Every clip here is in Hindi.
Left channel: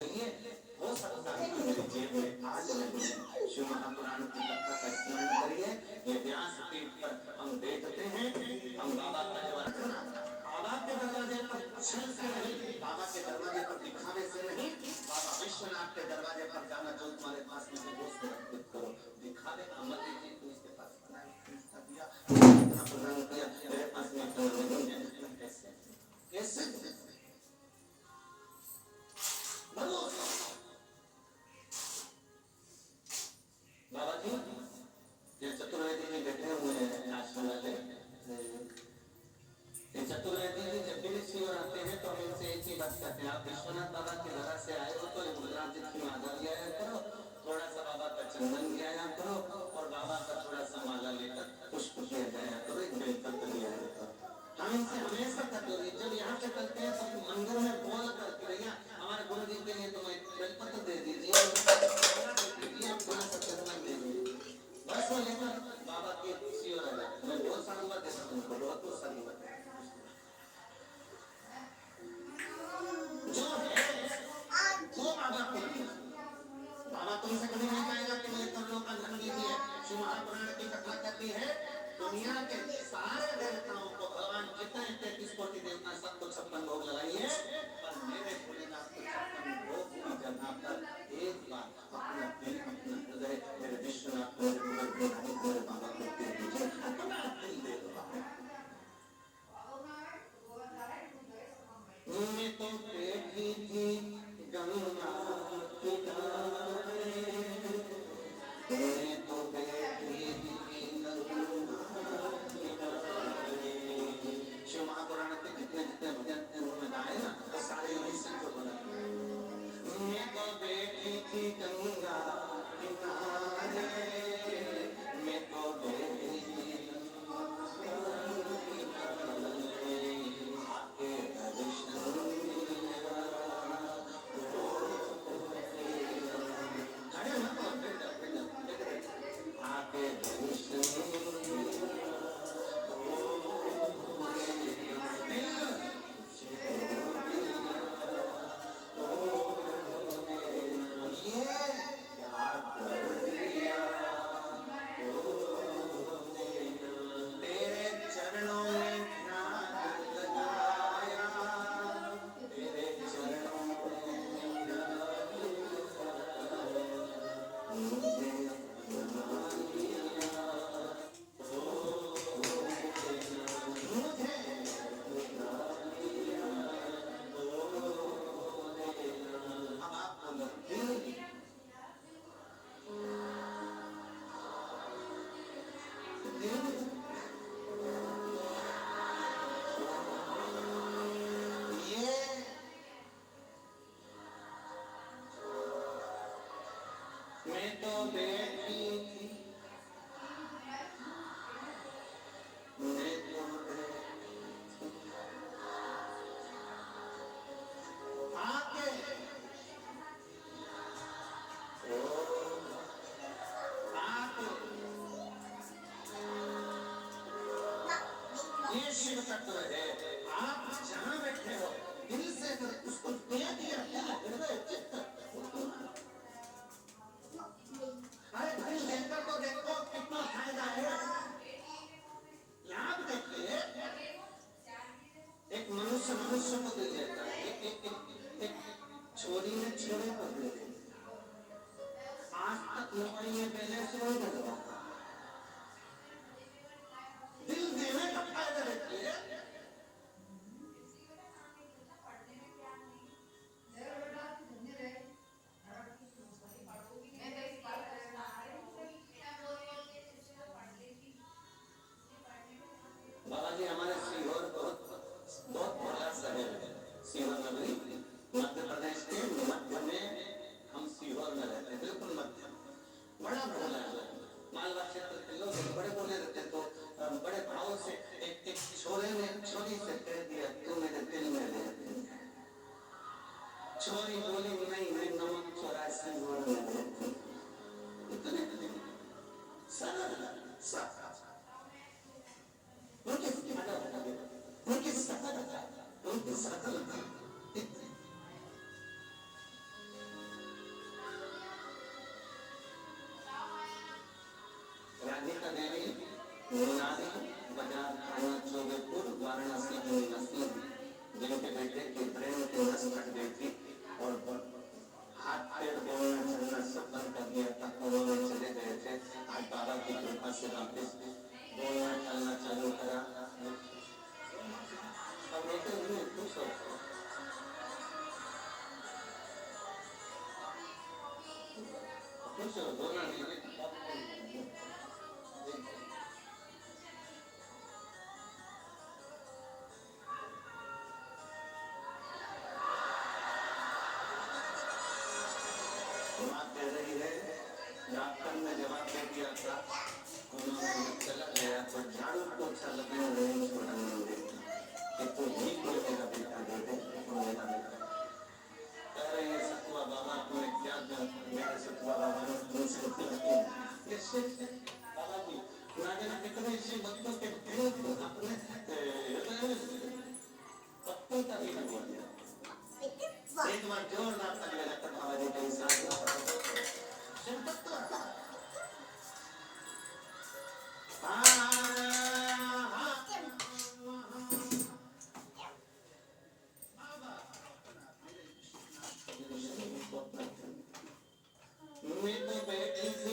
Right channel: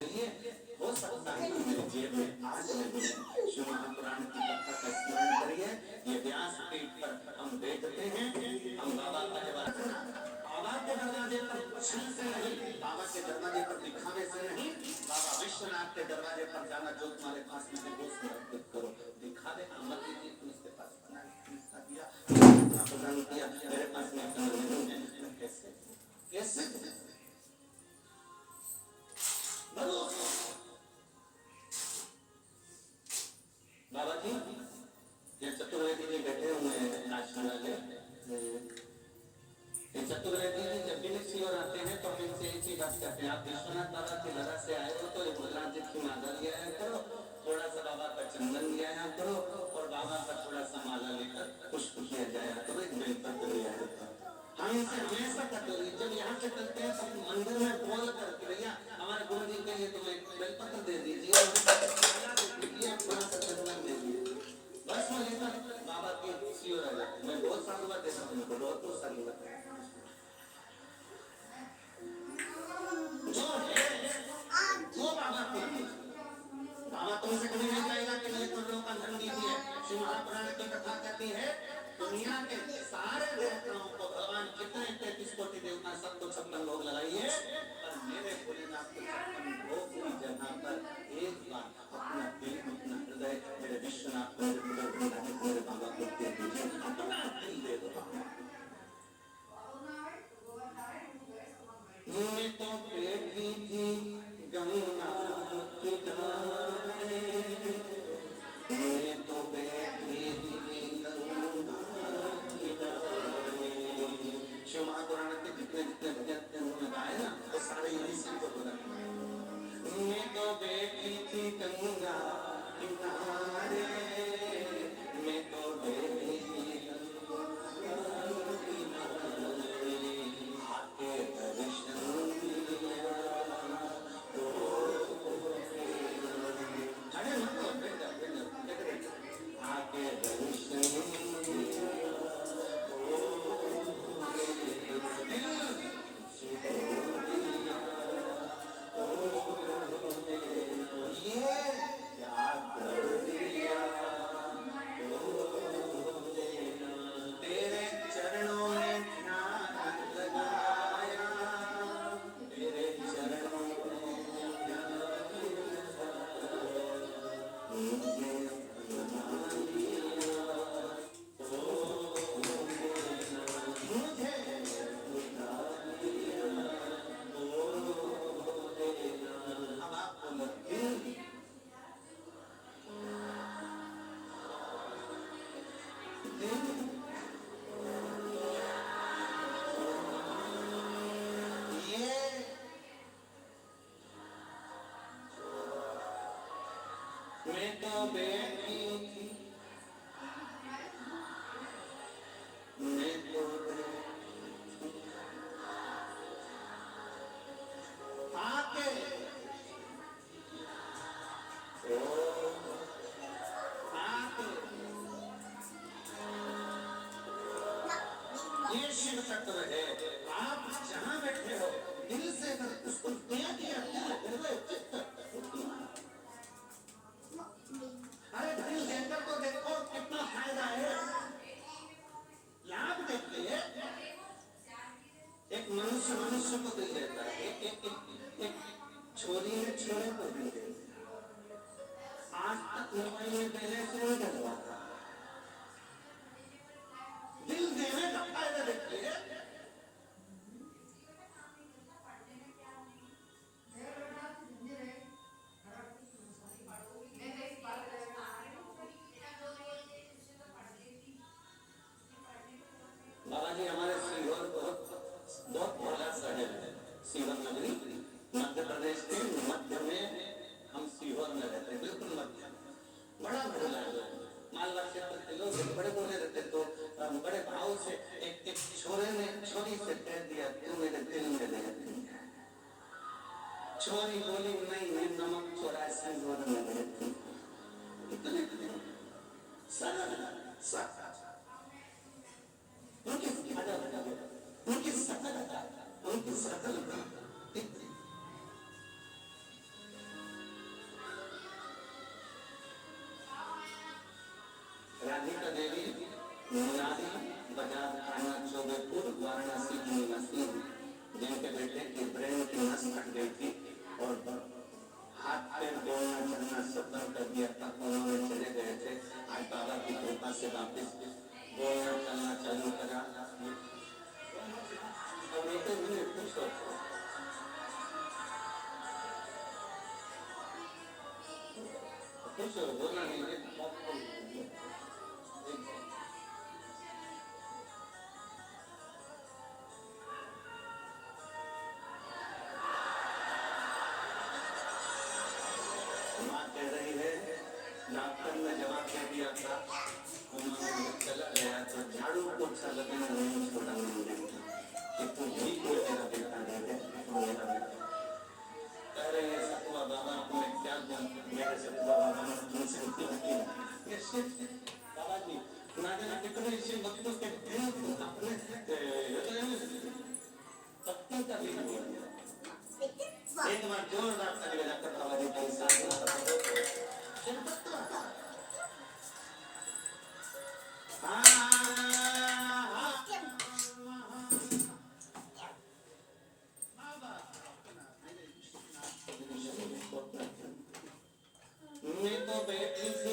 हो सकता है कि मेरी जेब में आज नहीं है। शिव महापुराण की कथा का स्मरण करिए। ये व्यासपीठ पर हम देखते हैं, हम बाबा का बाबा के दरवाजे पर छल से नहीं, बाबा के दरवाजे पर दिखावे से नहीं, बाबा विश्वनाथ के दरवाजे पर जाना जो तुम्हारे पास में वो उसको अर्पित करो। दिखावे का मत लीजिए कि उसके पास दिया प्रदान किया, मेरे पास में नहीं है। कैसे कैसे बाबा जी ये चतुर्वेदी जी बैठे हुए हैं आश्रम वाले। ये चतुर्वेदी जी जब भी शिवर आते हैं तो हम इनसे एक ही बात कहते हैं, आप विश्वनाथ बाबा के जगह से आए हो तो रुद्राज जी की माला लिया करो, थोड़ा सा बाबा का चंदन लिया करो और बाबा का थोड़ा सा माला लेकर पुष्प ले जाया करो, एक बेलपत्र लिया करो। हम इनसे हमेशा कहते हैं, जब यहाँ से करते हैं तो मंदिर में बोल करके भैया हमारे गुरु जी के लिए तुम्हें बेलपत्र दे दीजिए और थोड़ा सा चंदन दे दीजिए, बस में लेकर बाबा के शिवर आ जाते। मैं बहुत साधुवाद देता हूँ उनको, बहुत साधुवाद जो है वो बाबा को बाबा तुमसे कभी नहीं कहेगा कि मेरे कमलों का धन दीजिए। शिव महापुराण की कथा कहती है दुनिया के सारे देवताओं को भगवान कितने 33 कोटि देवता सबको 56 भोग लगाइए, पर मेरे भोलेनाथ को 56 भोग की जगह पर एक बार अपना दिल अपना हृदय मेरे विश्वनाथ मेरे बाबा को दे दीजिए, अपना दिल दे दो। मैं तो बैठी थी गंगा किनारे, मैं तो बैठी थी गंगा किनारे। शिव महापुराण के जितने जितने भजन उन्होंने गाए ना वो सारे यही से तो बोला। मैं तो बैठी थी गंगा किनारे, मैं तो बैठी थी मैं तो बैठी थी, मैं तो आके ये शिव तत्व है। आप जहाँ बैठे हो दिल से अगर उसको दे दिया हृदय चित्त, अरे दिल देकर तो देखो कितना फायदा है। याद देखिए एक मनुष्य को दिल देता है, एक छोरी ने छोरे को दिल देता। आज तक मोबाइल में बैलेंस नहीं डलवाता, दिल देने का फायदा देखिए। बाबा जी हमारे सीहोर बहुत बड़ा शहर है, सीहोर नगरी मध्य प्रदेश के मध्य में, हम सीहोर में रहते हैं, बिल्कुल मध्य, बड़ा बड़ा मालवा क्षेत्र के लोग बड़े बोले रहते, तो बड़े भाव से एक छोरे ने छोरी से कह दिया तू मेरे दिल में रहती है। छोरी बोली नहीं मैं नमक 84 में रहती, इतने सरल उनकी सकलता मुरारी बाजार थाना चौबेपुर वाराणसी की निवासी जिनके बेटे की ब्रेन की नस कट गई थी और हाथ पैर बोलना चलना सब कर दिया था, उन्होंने चले गए थे। आज बाबा की कृपा से वापस बोलना चलना चालू करा और बेटे भी खुश हो बोलना नहीं डॉक्टर ने जवाब दे दिया था, उन्होंने चला गया तो झाड़ू पोछा लगना नहीं छोड़ा नहीं देता कि तू ही कोई मेरा बेटा दे दे, मेरा बेटा। अरे ये सतुआ बाबा तुम्हें क्या दूं, मेरे सतुआ बाबा ने तुमसे ये शिव बाबा जी ना जाने कितने शिव भक्तों के अपने पत्नी का भी हुआ एक बार जोरदार ताली बजाकर बाबा जी के साथ मैं तो बैठी थी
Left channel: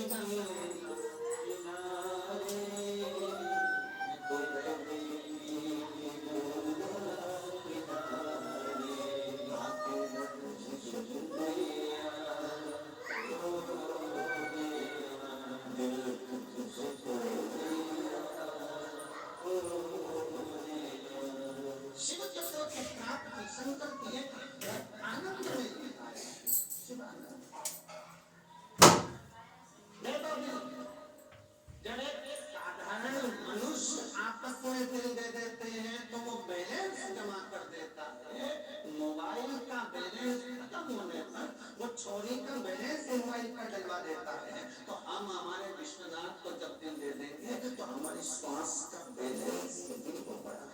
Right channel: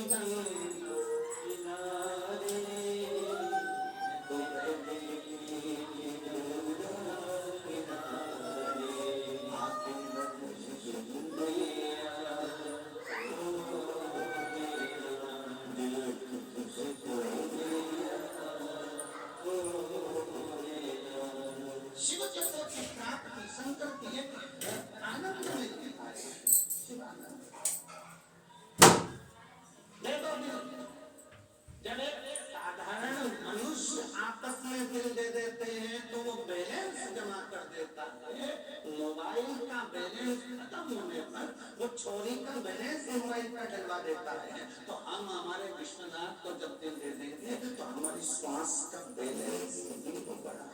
चोरी का बैलेंस मोबाइल का डलवा देता है, तो हम हमारे विश्वनाथ को जब दिल दे देंगे तो हमारी श्वास का बैलेंस बढ़ा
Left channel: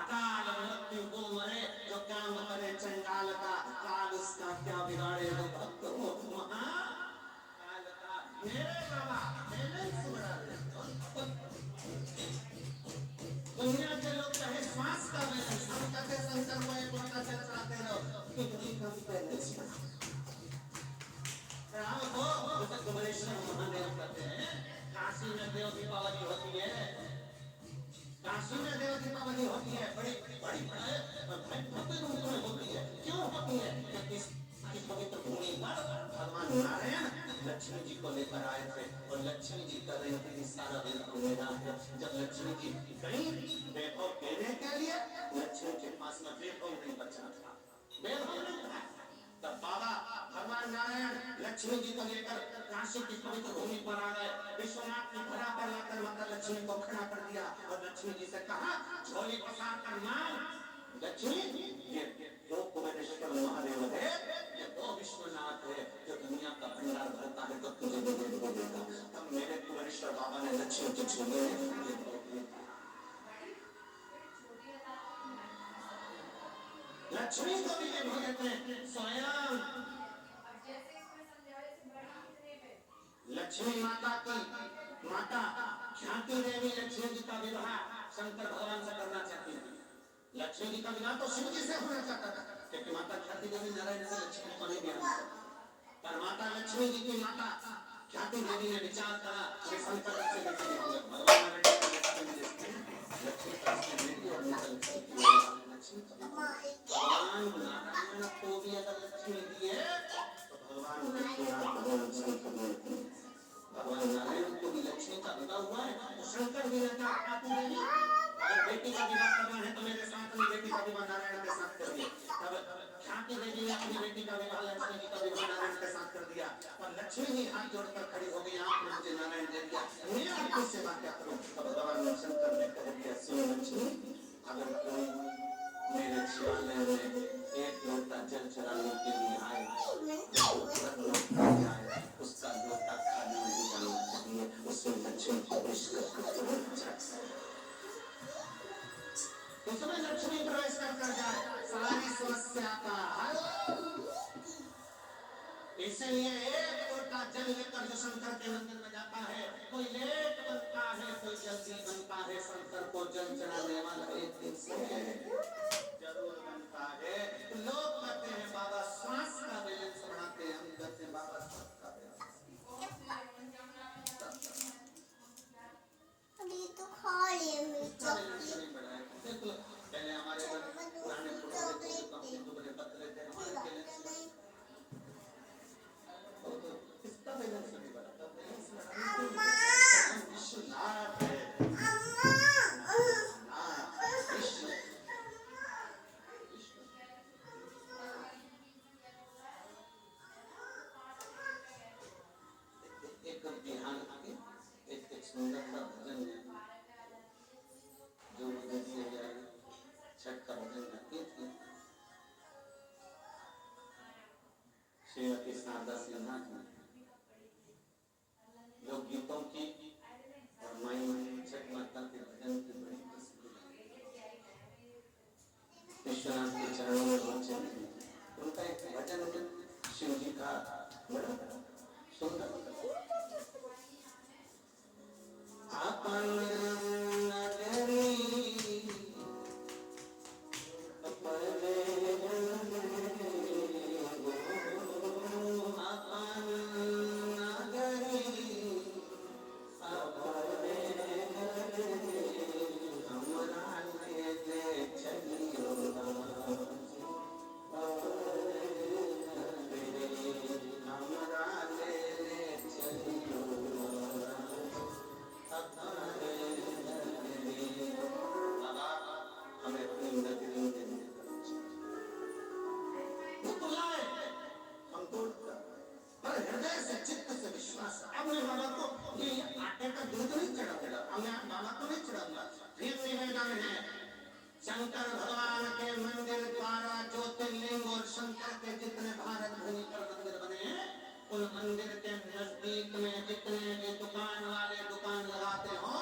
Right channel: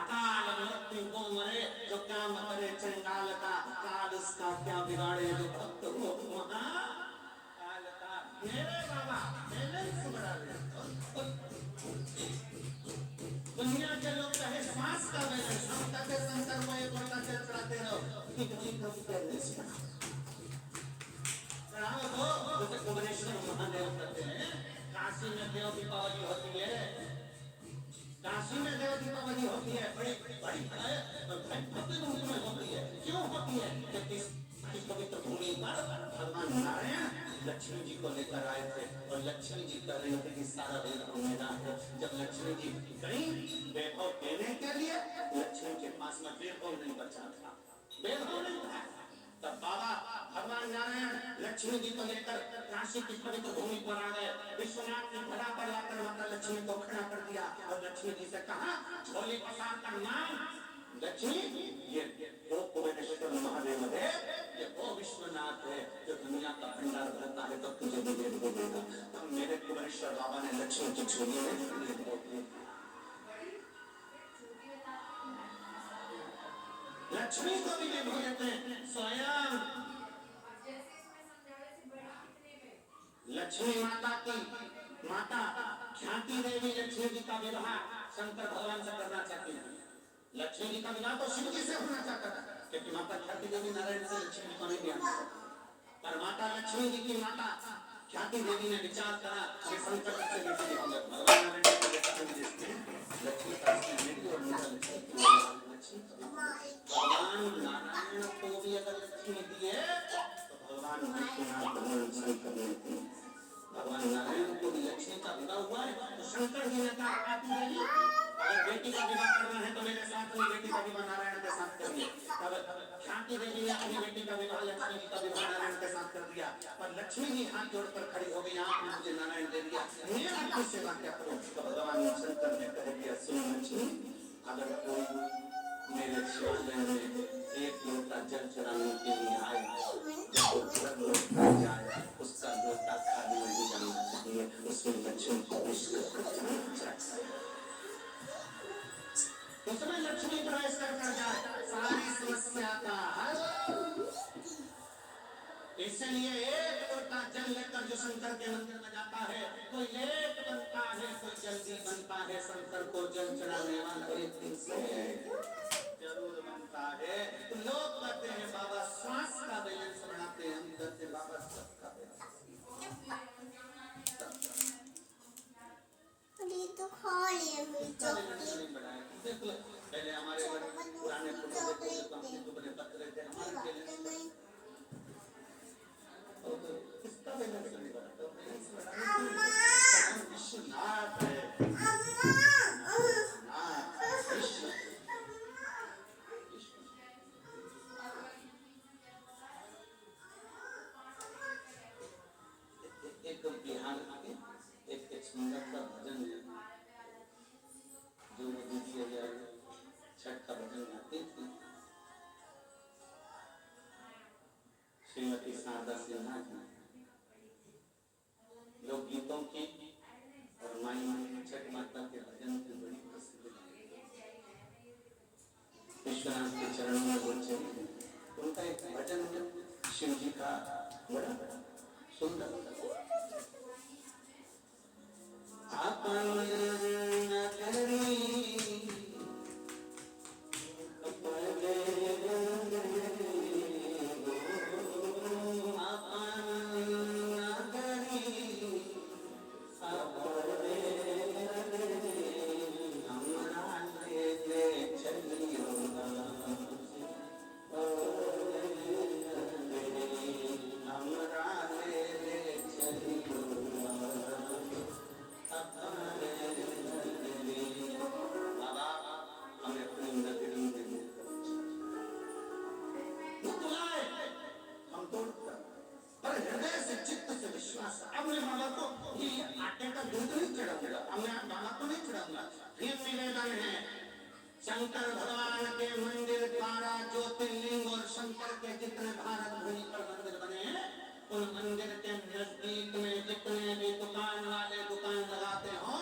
अकाल मृत्यु को मरे जो काम करे चंडाल का, काल उसका क्या बिगाड़े जो भक्त को महाकाल का। मेरे बाबा बैलेंस बढ़ा दे। दुनिया के लोग चाहे श्वास का बैलेंस, हम कहते संसार में एक घंटा से चलाते रहो कि दुनिया का बैलेंस बढ़ाओ हो। जैसे कुबेरेश्वर महादेव कहते हैं काशी में देव दीपावली होती है, काशी में देव दीपावली होती है, बड़ी बड़ी भव्य रूप में होती है। क्यों होती है? क्योंकि इस पवित्र भूमि पर भगवान नारायण लक्ष्मी जी को लेकर आए थे और लक्ष्मी जी कर रही थी सारा वैभव मेरा है। जब लक्ष्मी जी गई वैभव देने के लिए, लक्ष्मी के पास में वैभव नहीं बचा था, वैभव नहीं था, तब बाबा भगवान नारायण लक्ष्मी जी को लेकर काशी की पवित्र भूमि पर आ गए। विश्वनाथ की धरा पर लाकर माता लक्ष्मी को खड़ा कर दिया और लक्ष्मी जी से कहा, झोली पसार कर नाम लक्ष्मी, ये वो कुबेरेश्वर महादेव है, ये वो विश्वनाथ है जो दुनिया का भंडार भरता है, तो तुझे भी दे देगा। तब मेरे कुबेरेश्वर बाबा ने लक्ष्मी की झोली में लक्ष्मी को भी ये भगत हैं स्वयं लक्ष्मी माता की माता ख्याति देवी लक्ष्मी जी का विवाह शंकर भगवान से करना चाहती थी। लक्ष्मी जी का विवाह तो शिव जी से होना चाहता था, क्योंकि माता ख्याति देवी नारायण से लक्ष्मी को नहीं दिया, पर माता लक्ष्मी जी की माता ख्याति देवी ने विचार करा कि शंकर से बेटे होंगे। भगवान लक्ष्मी का बेटी और भगवान नारायण को भी अगर लक्ष्मी दिए तो भगवान भगवान नारायण को भी लक्ष्मी का विवाह हुआ है, तो शंकर जी ने कहा ख्याति देवी अगर बेटी का विवाह करना है तो मेरे साथ में बेटी का विवाह नारायण के साथ करिए। तब ख्याति देवी ने अपनी बेटी का विवाह लक्ष्मी जी का विवाह नारायण के साथ कर दिया, पर लक्ष्मी जी हाथ जोड़कर खड़ी हो गई, आपने मुझे नारायण दे दिया, मैं आपकी सेवा क्या करूं? तो भगवान शंकर ने कह दिया, सुनो लक्ष्मी, अगर कोई मेरे शिवालय में एक लोटा जल चढ़ाने के लिए आए, उसका लोटा खाली नहीं जाना चाहिए, उसमें लक्ष्मी प्रवेश उसमें लक्ष्मी प्रवेश कर जाए, सारी समस्या का हल। इसलिए एक लोटा जल लेकर जो शंकर के मंदिर में जाता है, कोई लेट बनता है, कोई जल्दी बनता है, शंकर को जल चढ़ाने वाला एक दिन से जरूर बनता है। लोग कहते हैं बाबा श्वास का बैलेंस बढ़ाते हैं, हम कहते हैं बाबा श्वास का बैलेंस। तो खा लिए मेरी चॉकलेट। देखो पहले हमारे पुराने पुराने पत्रे थे, हमारे इसका बैलेंस नहीं बढ़ा, विश्वनाथ है, एक बिहार के एक सुंदर सा भजन है जो मुझे छठ का भजन गाती थी श्रीमती शारदा सिन्हा जी। लोक गीतों की और माई छठ माता के भजन की बड़ी प्रसिद्ध विश्वनाथ के चरणों में बच्चे उनका एक भजन शिव जी का बड़ा सुंदर शंकर भगवान के मंदिर 12 ज्योतिर्लिंग और शंकर के जितने भारत भूमि पर मंदिर बने हैं, उन मंदिर के नजदीक में जितने भी दुकान वाले दुकान लगाते हो,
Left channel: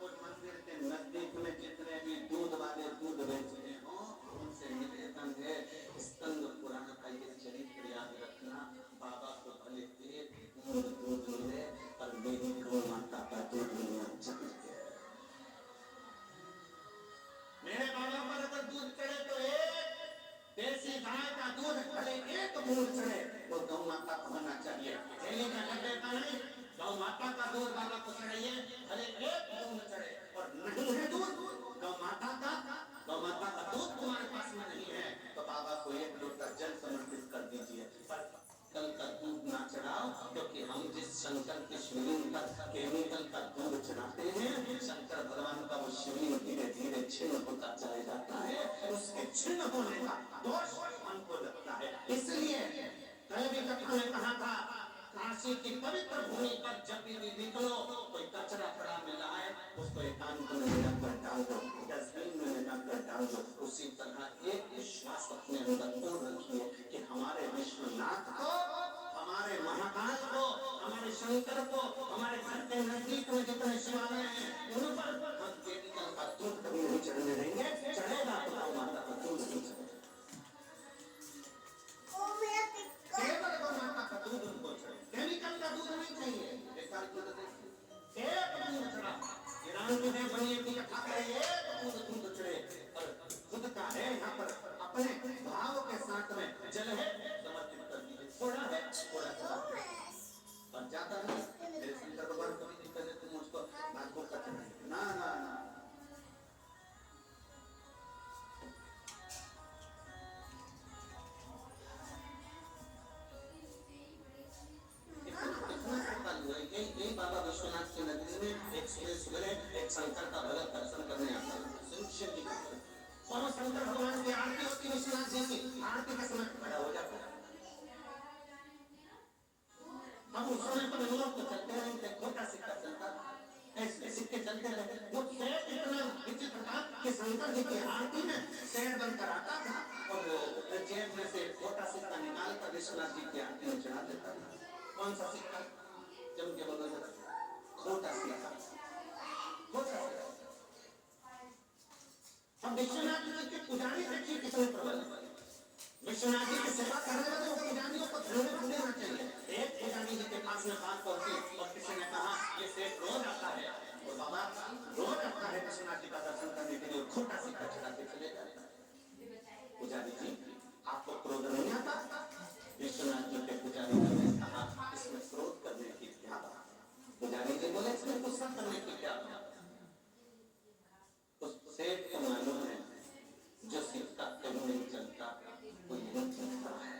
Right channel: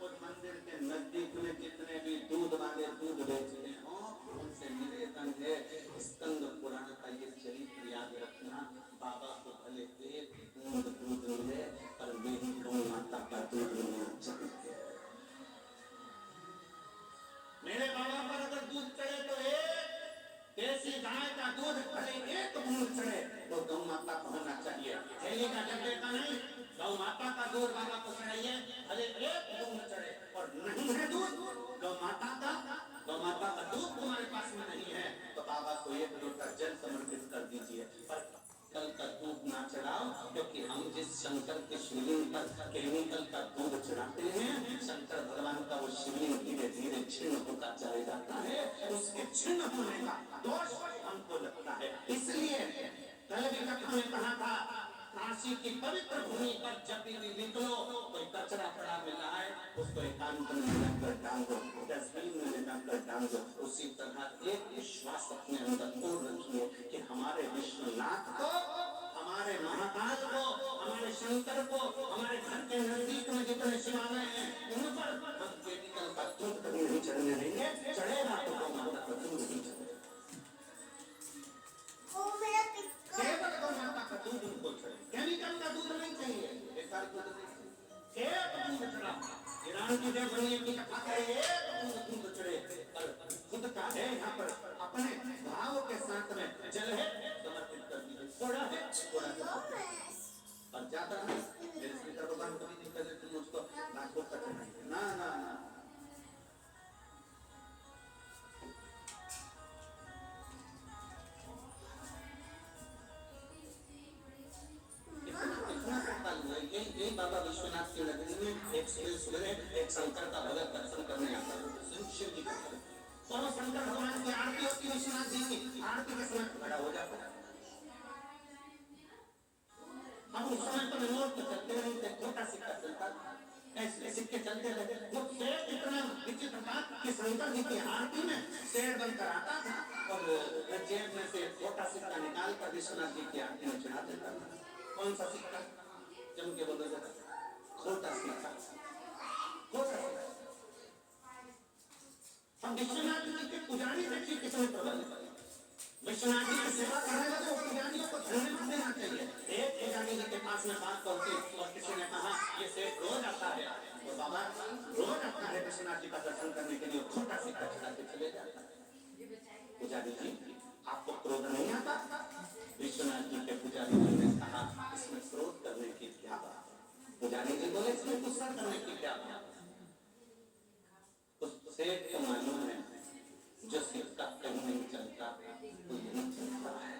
उन मंदिर के नजदीक में जितने भी दूध वाले दूध बेचते हो, उनसे निवेदन है स्कंद पुराण का ये चरित्र याद रखना। बाबा को भले एक दूध मिले पर मेरी गौ माता का दूध मिलना चाहिए। मेरे बाबा पर अगर दूध चढ़े तो एक देसी गाय का दूध भले एक बूंद चढ़े तो गौ माता को होना चाहिए। थैली का डब्बे का नहीं, गौ माता का दूध बाबा को चढ़ाइए, भले एक बूंद चढ़े। और नहीं है दूध गौ माता का दूध तुम्हारे पास में नहीं है तो बाबा को एक लोटा जल समर्पित कर दीजिए, पर कल का दूध ना चढ़ाओ, क्योंकि हम जिस शंकर के शिवलिंग पर केमिकल का दूध चढ़ाते हैं, शंकर भगवान का वो शिवलिंग धीरे धीरे छिन्न होता चले जाता है, उसके छिन्न होने का दोष हमको लगता है। इसलिए कल भी कथा में कहा था, काशी की पवित्र भूमि पर जब भी निकलो कोई कचरा पड़ा मिला है उसको एकांत में लेकर डालो, डस्टबिन में लेकर डालो। उसी तरह एक विश्वास अपने अंदर पूर्ण रखिए कि हमारे विश्वनाथ को, हमारे महाकाल को, हमारे शंकर को, हमारे घर के नजदीक में जितने शिवालय हैं उन पर हम केमिकल का दूध कभी नहीं चढ़ने देंगे। चढ़ेगा तो गौ माता का दूध नहीं चढ़ेगा, केवल गौ माता का दूध उनको चढ़े, केमिकल का दूध नहीं चाहिए। एक दूध चढ़ा ईरान की देवभूमि की कथा करे, एक दूध चढ़े, पर खुद का है यहाँ पर अपने भाव के साथ में जल है समर्पित कर दीजिए। थोड़ा है थोड़ा सा और ज्यादा नहीं। मेरे शंकर भगवान कभी नहीं कहते तुम उसको नागपुर तक चढ़ाएंगे, ना ना ना। यही बाबा विश्वनाथ की नगरी में एक सवेरे एक शंकर का भगत दर्शन करने आता है, शिव जी का। और शंकर भगवान की आरती होती है, विश्वनाथ जी की आरती के समय खड़ा हो जाता है। अब उस समय तो नोट तो चलते नहीं थे, छोटा सिक्का चलता, ऐसे सिक्के चलते रहे। वो शेर इतना विचित्र था कि शंकर जी की आरती में शेर बनकर आता था और जेब में से छोटा सिक्का निकाल कर विश्वनाथ जी की आरती में चढ़ा देता था। कौन सा सिक्का? जम के बोलो जरा, छोटा सिक्का, छोटा सिक्का। अब विश्वनाथ जी के पुजारी देखिए कितने प्रबल, विश्वनाथ जी की सेवा करने लगे और पुजारी को धन्यवाद देना चाहिए। एक पुजारी जी के पास में बात पहुंची और किसी ने कहा ये सेठ रोज आता है और बाबा रोज आता है विश्वनाथ जी का दर्शन करने के लिए, छोटा सिक्का चढ़ा के चले जाता है। पुजारी जी आपको क्रोध नहीं आता? विश्वनाथ जी के पुजारी जी ने कहा इसमें क्रोध करने की क्या बात है? पुजारी जी बोले इसमें गुस्सा करने की क्या बात है? तो सेठ को मालूम है जो सिक्का कहीं नहीं चलता वो यही चलता है।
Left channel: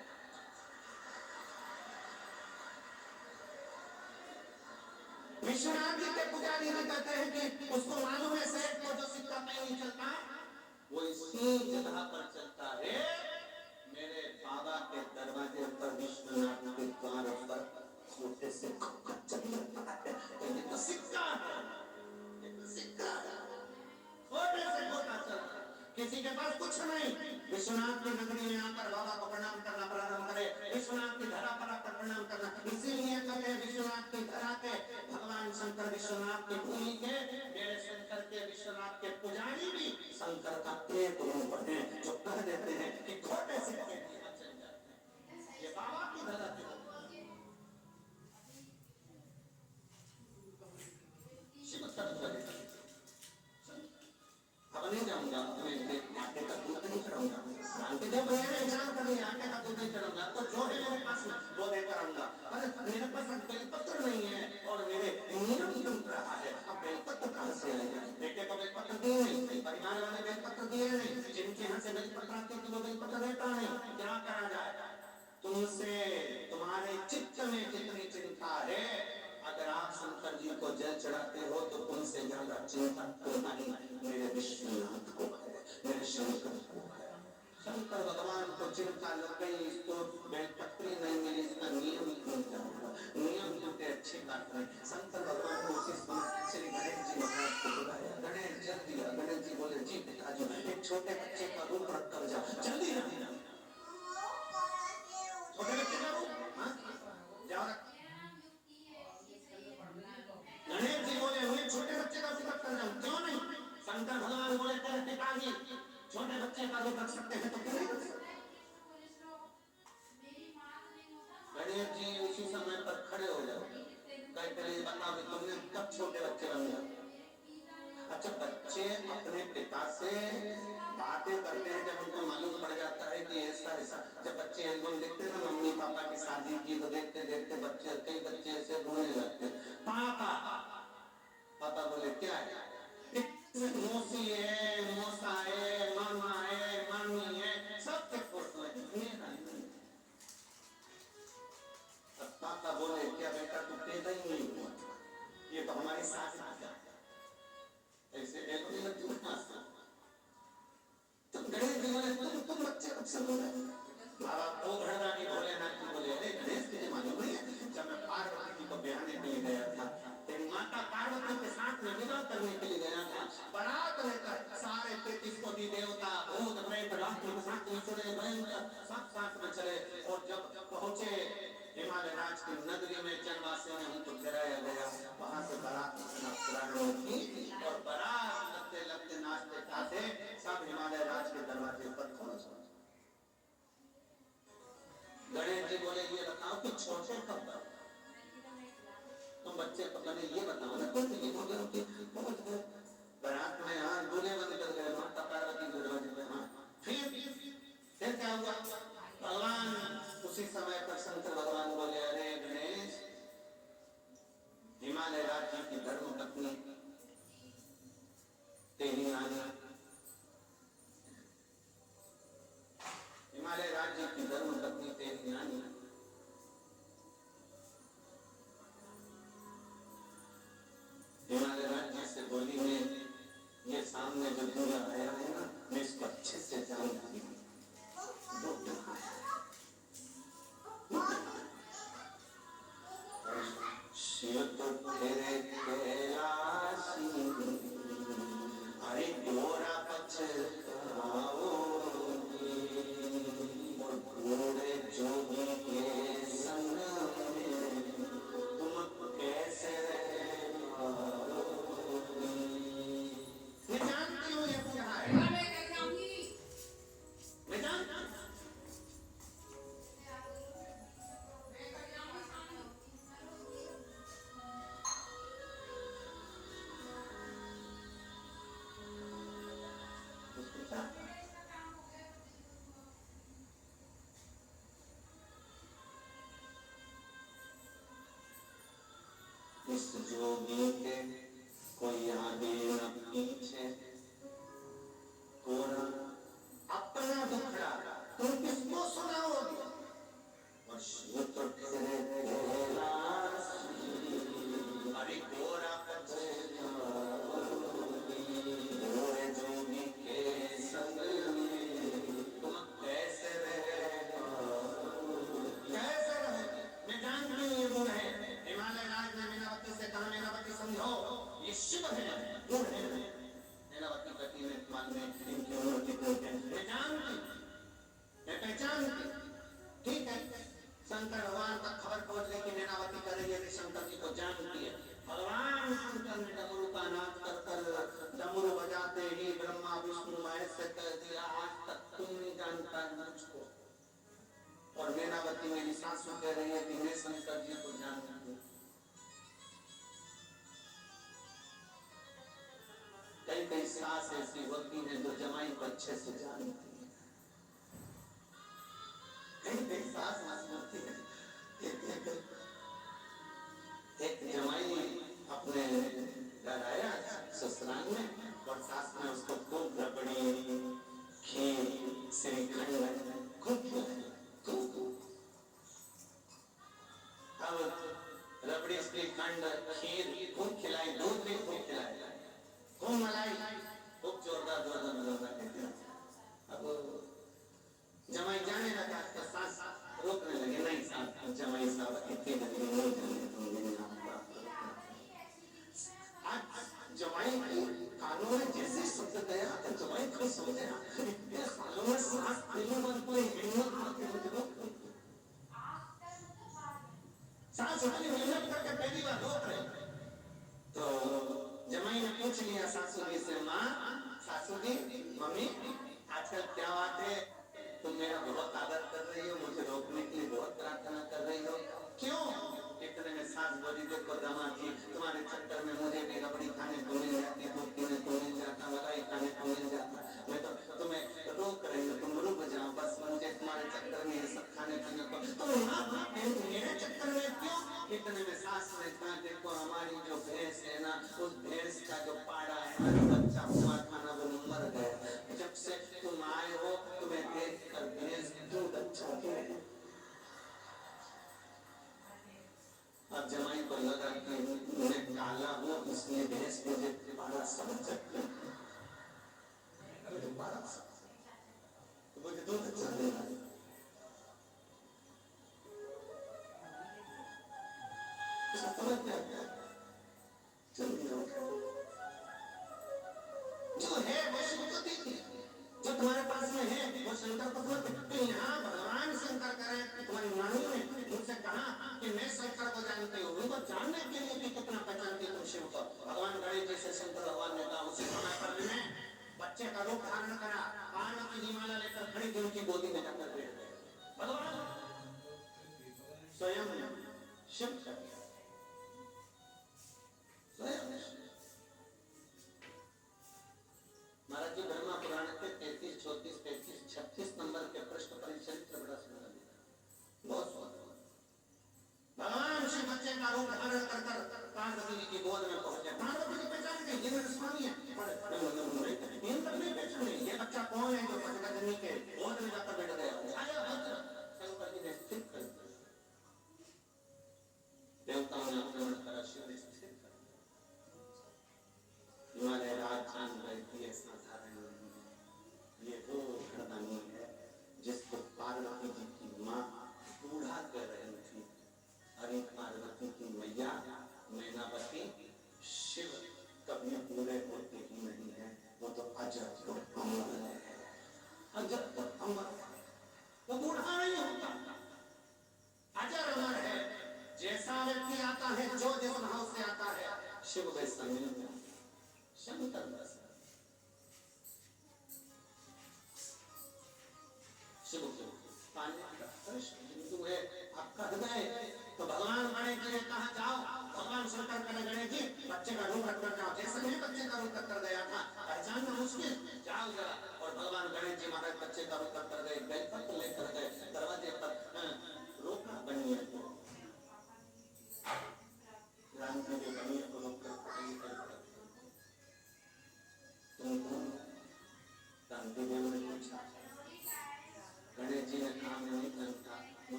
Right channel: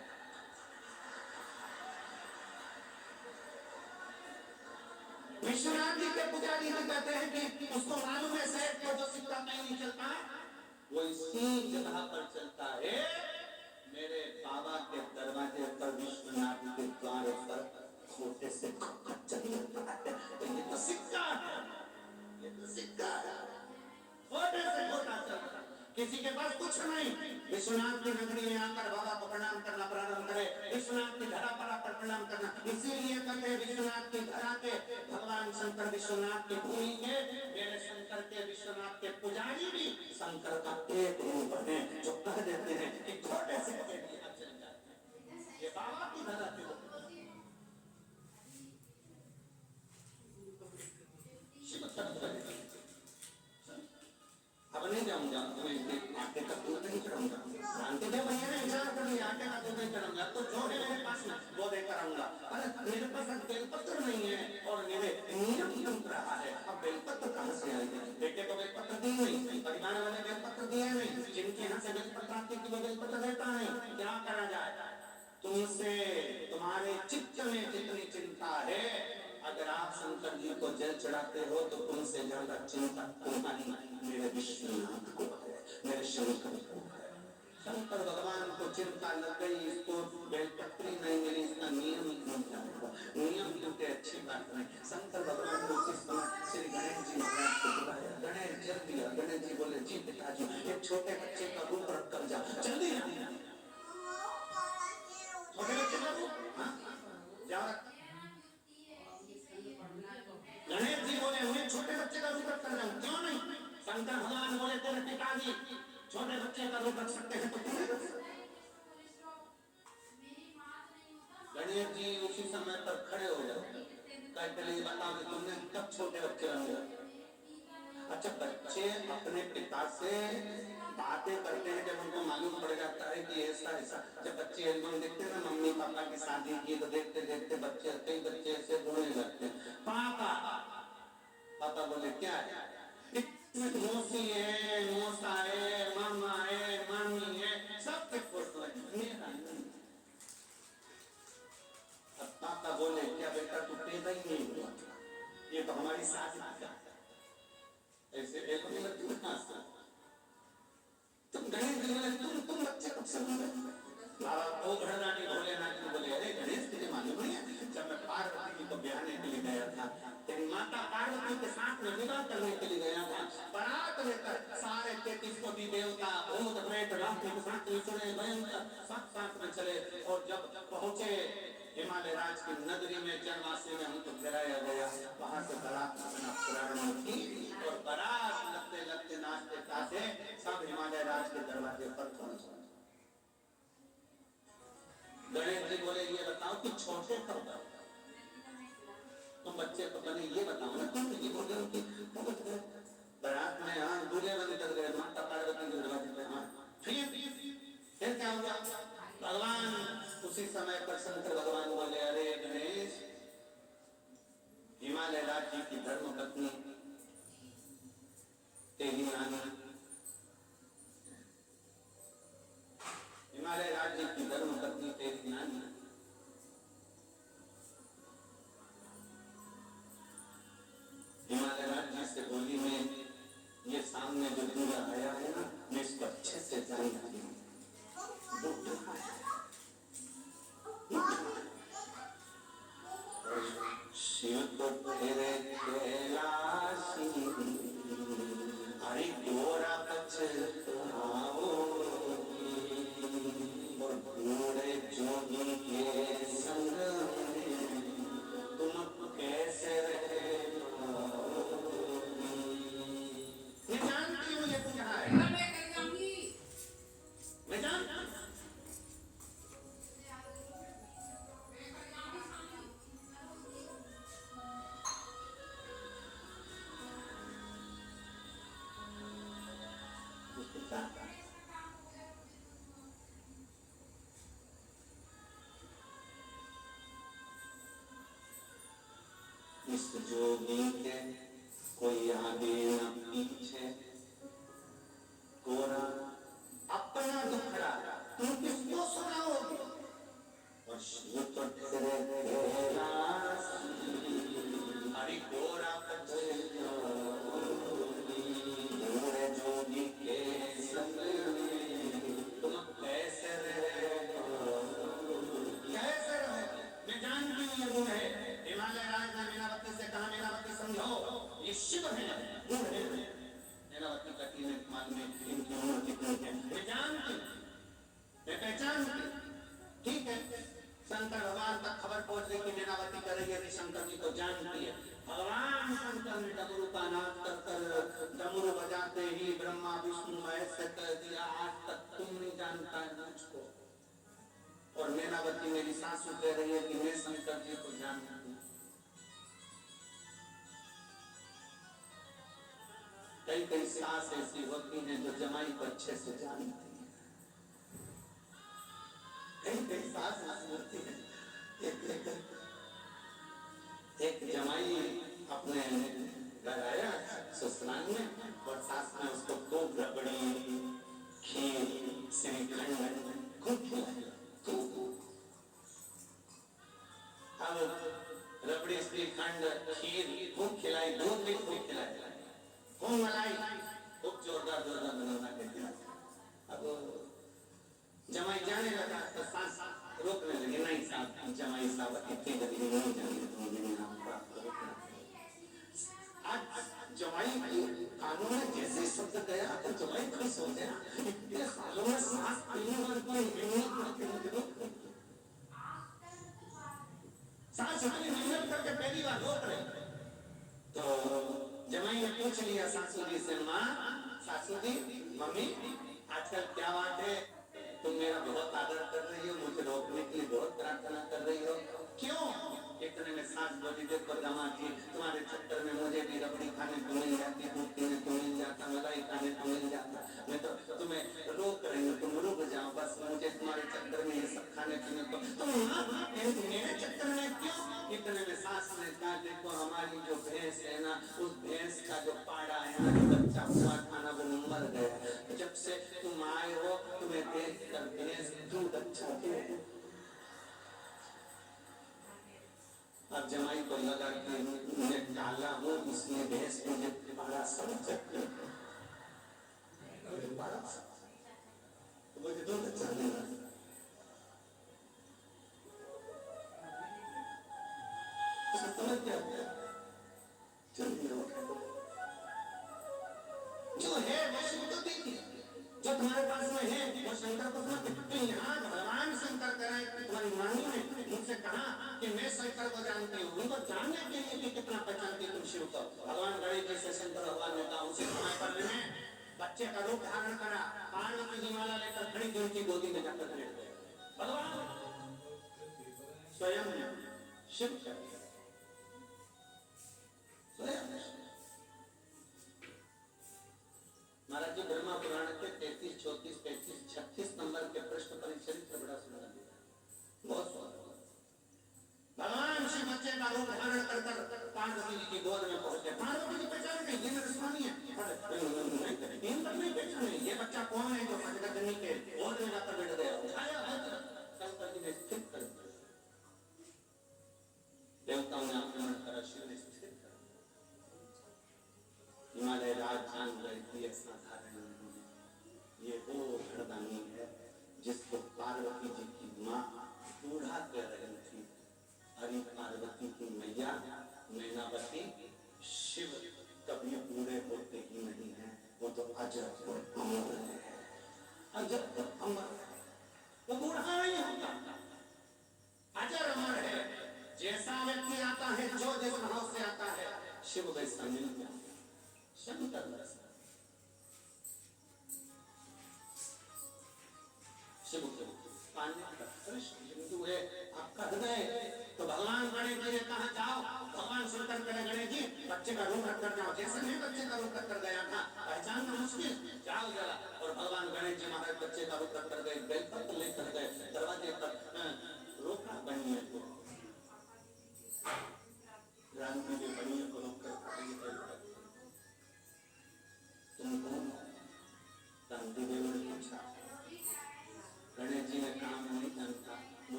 विश्वनाथ जी के पुजारी जी कहते हैं कि उसको मालूम है सेठ को जो सिक्का कहीं नहीं चलता वो इसी जगह पर चलता है, मेरे बाबा के दरवाजे पर विश्वनाथ के द्वार पर छोटे से चल जाता है। तो ये तो सिक्का है, ये तो सिक्का है, छोटे से छोटा चलता है, किसी के पास कुछ नहीं। विश्वनाथ की नगरी में आकर बाबा को प्रणाम करना प्रारंभ करे, विश्वनाथ की धरा पर आकर प्रणाम करना। इसीलिए कहते हैं विश्वनाथ की धरा पे भगवान शंकर विश्वनाथ की भूमि के, मेरे शंकर के विश्वनाथ के पुजारी भी शंकर का एक रूप है जो कह देते हैं कि छोटे से ये बाबा की धरा पे अब नहीं जाऊंगा, मैं आटे का दूध नहीं चढ़ाऊंगा, जानते जब भैया ने एग्जाम कर लिया आटे का दूध नहीं चढ़ाऊंगा तो जो है मेरे पास में वो देकर आऊंगा। अरे मेरे पास बेलपत्र नहीं है और मेरे नियम टूट रहा है, अब बेलपत्र कहां से आएगा? बेटे को बेलपत्र दिए नहीं, परिवार वाले बेलपत्र दिए नहीं, जिनके यहाँ से बेलपत्र आती थी वो बेलपत्र देता नहीं, क्या करा जाए? तुमसे तुम्हारे चित्त में जितनी चिंता है, अगर आप शंकर जी को जल चढ़ाते हो तो तुमसे ज्यादा चिंता तुम्हारी मेरे विश्वनाथ को है, मेरे शंकर को है। शंकर भगवान को चिंता लग गई, इसको बेलपत्री नहीं मिली, इसका नियम टूट जाएगा। नियम टूटे अच्छी बात नहीं। शंकर भगवान को उसी समय श्री गणेश जी महाराज को बुलाया, गणेश जल दिया। गणेश जी बोले जी पिताजी एक छोटे बच्चे का रूप रख कर जाओ। जल्दी छोटे बच्चे का रूप गणेश जी बोले हुए छोटे बच्चे का रूप रख कर जाऊं, क्यों नहीं? शंकर भगवान बोले तेरे पिताजी छोटे बच्चे का रूप रख सकते हैं तो क्यों? गणेश जी उसी समय पर खड़े हो जाओ, कहते हैं बताओ कि तुमने कब छोटे बच्चे बने? अच्छा बच्चे अपने पिता से बातें करते हैं जब उनको मालूम पड़ जाता है कि ऐसा ऐसा। जब बच्चे एल्बम देखते हैं ना मम्मी पापा की शादी की तो देखते देखते बच्चे कई बच्चे ऐसे रोने लगते हैं, पापा पापा बोले क्या है? मौसी है, मौसा है, मामा है, मामी है, सबके फोटो है, मेरा नहीं। अब पापा बोले क्या बेटा तू पैदा ही नहीं हुआ, ये तो हमारी सास है। ऐसे एक तुम गणेश जी बोले तुम बच्चे कब से बोले? बाबा वो घरदानी भोलेनाथ जी बोले अरे गणेश तुझे मालूम नहीं है जब मैं पार्वती जी को ब्याहने के लिए गया था, तेरी माता पार्वती के साथ में विवाह करने के लिए गया था, बारात लेकर सारे 33 कोटि देवता भूत प्रेत राक्षस के साथ में चले, भयंकर सब साथ में चले। और जब पहुंचे हिमालय राज की नगरी में चंद्रवासी में हमको गिराया गया, वहां से बारात प्रारंभ की और बारात लगते लगते नाचते गाते सब हिमालय राज के दरवाजे पर पहुंचे। गणेश जी बोले ये बताओ कि छोटे कब तुम बच्चे को पहले ये बताओ ना, तुम ये बोल रहे कि बारात में हाँ दूल्हे बंद कर गए, माता पार्वती के दरवाजे पे। हाँ फिर क्या हुआ? भगवान उसी समय पर शंकर भगवान बोले अरे गणेश हिमालय राज्य की धर्म पत्नी तेरी नानी, हिमालय राज्य की धर्म पत्नी तेरी नानी हिमालय राज्य से बोली में ये सामने जो दूल्हा आया है ना मैं इसको अच्छे से जानती हूँ, शिव तो तेरे कैलाशी, अरे दो जोगी के कोई आगे न पीछे, कोरा अपना दुखड़ा तुम किसको सुनाओगे? और शिव तो तेरे कैलाश, अरे गोरा पछे मोरे जोगी के संग तुम कैसे रहे? कैसे रहे? मैं जानती हूँ ये गुण है। हिमालय राज ने मीनावती से कहा, मीनावती समझो ये शिव है, गुण है। मीनावती कटी में मान में इनकी उम्र कितनी है मैं जानती हूँ, मैं पहचानती। ठीक है, शंकर भगवान तक खबर पहुंच गई कि मीनावती कर रही है, शंकर जी को जानती है। भगवान शंकर ने डमरू का नाद कर कर डमरू बजाते ही ब्रह्मा विष्णु महेश से कह दिया, आज तक तुम नहीं जानता मुझको। और मीनावती मेरी सासू कह रही है कि मैं शंकर जी को जानती हूँ। कई कई सास ऐसी होती हैं जो जमाई को अच्छे से जानती है। कई कई सास ऐसी होती है। एक जमाई अपने घर आया ससुराल में और सास ने उसको खूब रबड़ी, खीर, श्रीखंड खूब खिलाया, खूब। अब रबड़ी, श्रीखंड, खीर खूब खिलाई, दूध भी खूब खिलाया, खूब मलाई, खूब जोरदार जोरदार मिला। अब जमाई जाने लगा तो सास रोकने लगे, नहीं साहब, जमाई साहब इतनी जल्दी नहीं जाने दूंगी, जमाई कानों में जैसे शब्द गया तो जमाई खुश हो गया। इतने सालों में सास पहली बार कोई हिम्मत, सास इतनी मेहनत करके पहली बार रोक रहे। तो जमाई ने पूछ लिया सासू जी से, माँ, सासू जी, मम्मी, आजकल क्या बात है, तुम मेरा बहुत आदर कर रही हो, मुझे रोकने के लिए बहुत प्रार्थना कर रही हो, क्यों? इतने में सास बोली, देखो दामाद जी, तुम्हारे चक्कर में मुझे भी रबड़ी खाने को मिल जाती, दूध पीने को मिल जाता, मलाई खाने को मिल जाता, मैं तो तुम्हें रोक रही हूँ, तुम रुक जाओ, बस मुझे तुम्हारे चक्कर में ये सब खाने पीने को, तुम मेरे चक्कर में क्यों? इतने में सास ने कहा, देखो हमारी जो भैंस है ना, उस भैंस का जो पाड़ा है ना, बच्चा हुआ खाना वो मर गया, जब से तुम आए हो तुम्हें देख कर भैंस दूध अच्छा दे। अब जमाई को लगा कि मैं काला हूँ, इसलिए भैंस मुझे बड़ा समझ सकते हैं, मुझे दूध अच्छा देना। समझ गया जो है वो शिव तो देखिए, जो तुम्हारे पास में है वो शंकर को समझते। यहाँ भगवान शंकर करें, तुम्हारी नानी ने मुझसे कहा कि मैं शंकर को जानती हूँ, उनको जानने के लिए कि कितना पहचानती तुम शिव को। भगवान गणेश जी से शंकर भगवान ने कहा, उसी समय में बच्चे का रूप धारण करा, पार्वती जी माला लेकर खड़ी थी, उनकी गोदी में जाकर बैठ गए। भगवान स्वयं शिव महाराज जी ब्रह्मा पुराण के 33, 34, 35, 36 नंबर के प्रश्न पर चरित्र बड़ा सुंदर दिया, बहुत सुंदर। भगवान शिव बच्चे का रूप धारण कर पार्वती जी की गोद में पहुंचे। पार्वती जी पहचान गई, ये मेरे स्वामी है। नहीं पहचाने ये बच्चा कौन है जो पतिगनी के गोद में जाकर बैठ गया। शंकर जी ने स्थिर कर दिया, देवताओं ने अपने तरह शिव ने स्थिर कर दिया। हिमालय राज जान गए कि ऐसा धारण नहीं है, ये वो घरदानी है जिसको पार्वती जी की माँ बूढ़ा कह रही थी। अरे पार्वती की मैया मैनावती, शिव कभी बूढ़े होते ही नहीं है, वो तो अजर और अमर है, अजर और अमर, वो बूढ़ा नहीं होता, अजर अमर है। जैसा व्यक्ति आता है, जो जिस भाव से आता है, शिव वैसा मिलता है। शंकर शिव के पाने का हिंदू है आपका हृदय, तो भगवान गणेश जी ने कहा, जाओ भगवान शंकर के गणेश जी बच्चे का रूप रख कर जाओ, जैसे मैं बच्चे का रूप रख कर गया था, पहचानना मुश्किल, जाओ जरा। और भगवान गणेश जी महाराज बच्चे का रूप रख कर गए, बेलपत्र लेकर गए, दरवाजे पर रोका बनिए को राम जी ने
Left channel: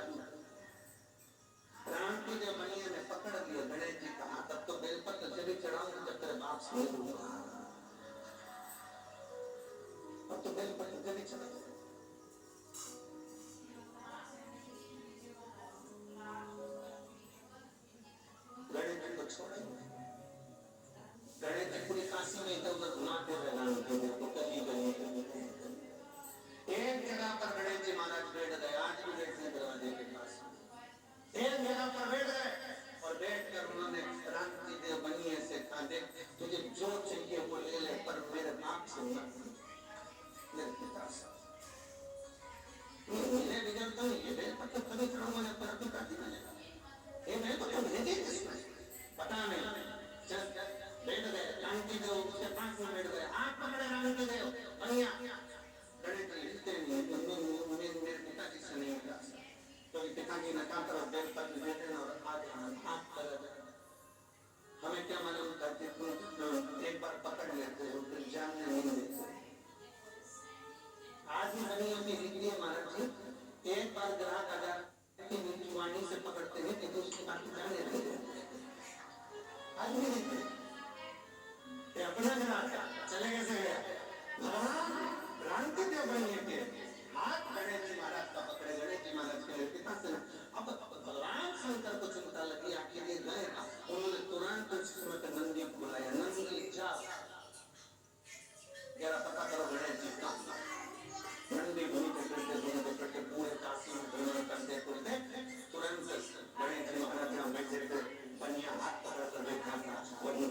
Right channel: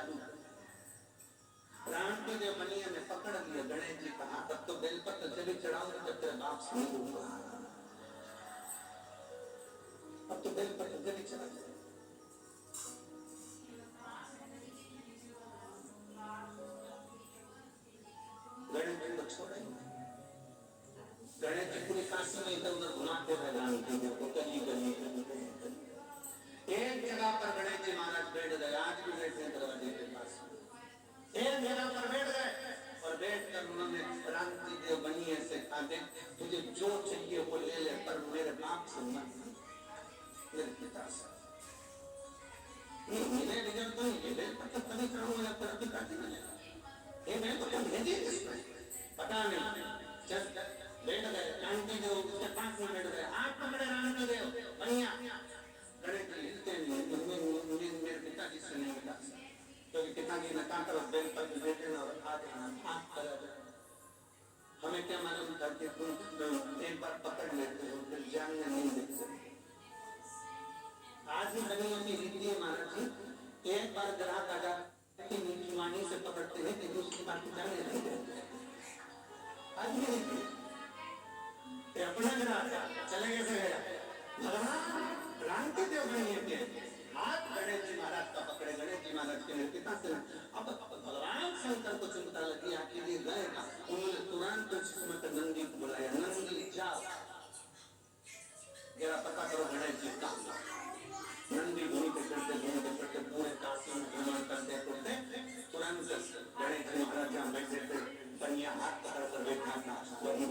चालू कर। क्रांति जब बनिए ने पकड़ लिया गणेश जी का हाथ, तब तो बेलपत्र जब भी चढ़ाऊंगा जब तेरे बाप से मिलूंगा, अब तो बेलपत्र जब भी चढ़ा। गणेश जी को छोड़ा, गणेश जी पूरी काशी में इधर उधर घुमाते रहे, गली गली एक जगह पर गणेश जी महाराज बैठ गए, आज भी बैठे दरवाजे के पास, एक जगह पर बैठ गए और बैठकर उन्होंने क्रांति देव बनिए से कहा, देख तुझे जो चाहिए वो ले ले, पर मेरे बाप से मत, मेरे पिता से मिले बिगड़ तो ये बेलपत्र तभी करूंगा ना, तेरा पिता की मिलेगा, ये मैं तो क्या भेजे किसमें पता नहीं। चल बैठ गए, क्रांति देव उसके पास में बैठ गए, आप पकड़े क्रांति देव बनिया, गणेश जी हिलते नहीं, मेरे पिताजी से नहीं मिला, क्योंकि पिताजी ने कहा तरफ बेलपत्र देते और हाथ आप कर, हमें क्या मालूम था कि तुम एक बार पकड़ लेते हो फिर जानने नहीं देते। आज भी दुनिया की रीति है महाराज जी, एक बार ग्राहक आ जाते कि मीठी वाणी से पकड़ते हैं कि उसकी बात जानने नहीं देते। आज भी रीति अपना ग्राहक चले कैसे गया, भगवान क्रांति देव बनिए के हाथ गणेश जी महाराज का पकड़े, गणेश जी महाराज के पिता से अब भगवान शंकर को चिंता लगी, आपके लिए गए, उन्होंने तुरंत उसमें नंदी को बुलाया, नंदी जाओ जरा पता करो गणेश जी का। नंदी घूमते फिरते पूरे काशी में घूमने करते तुरंत गणेश जी महाराज बैठे थे, बनिया हाथ पकड़ कर बैठा था, वही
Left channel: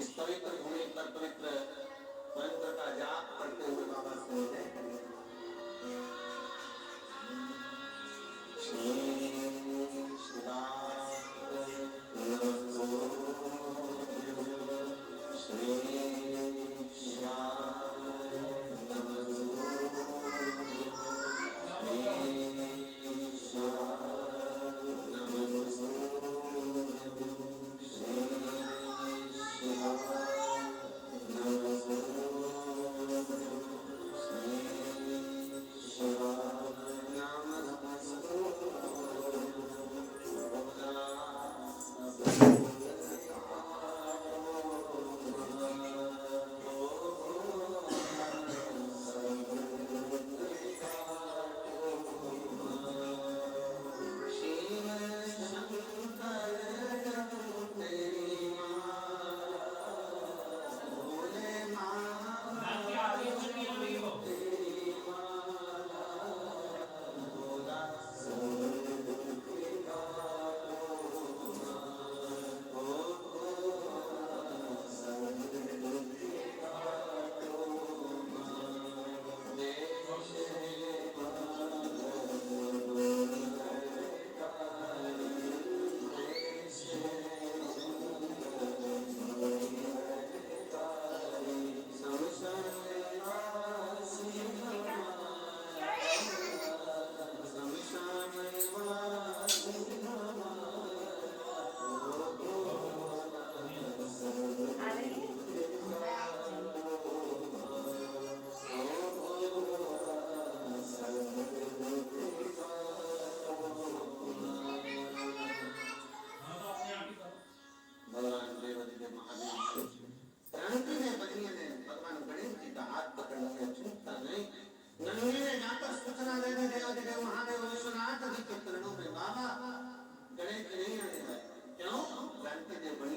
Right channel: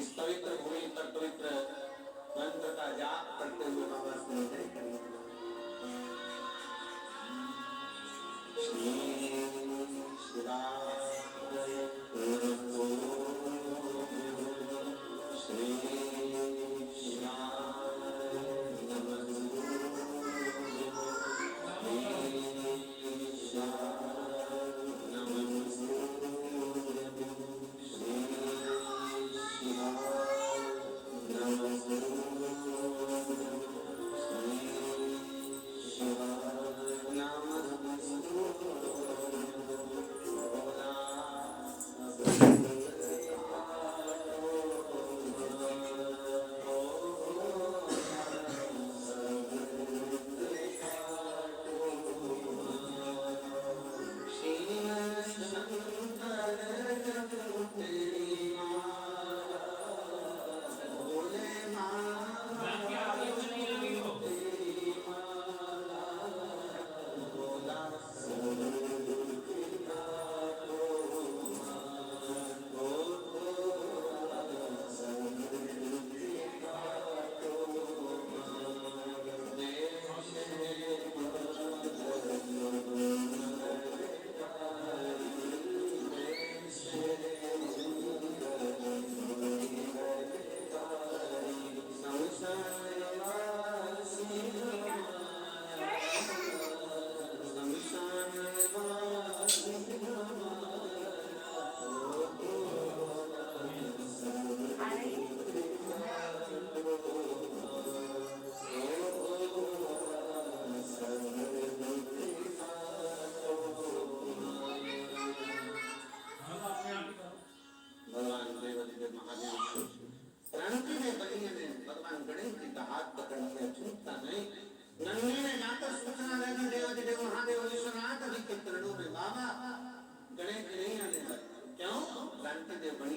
इस पवित्र भूमि पर पवित्र मंत्र का जाप करते हुए बाबा से विनय करिए। श्री शिवाय नमो, श्री शिवाय नमो, श्री शिवाय नमो, श्री गणेश नहीं आने वाले। क्यों? जानते देव बनी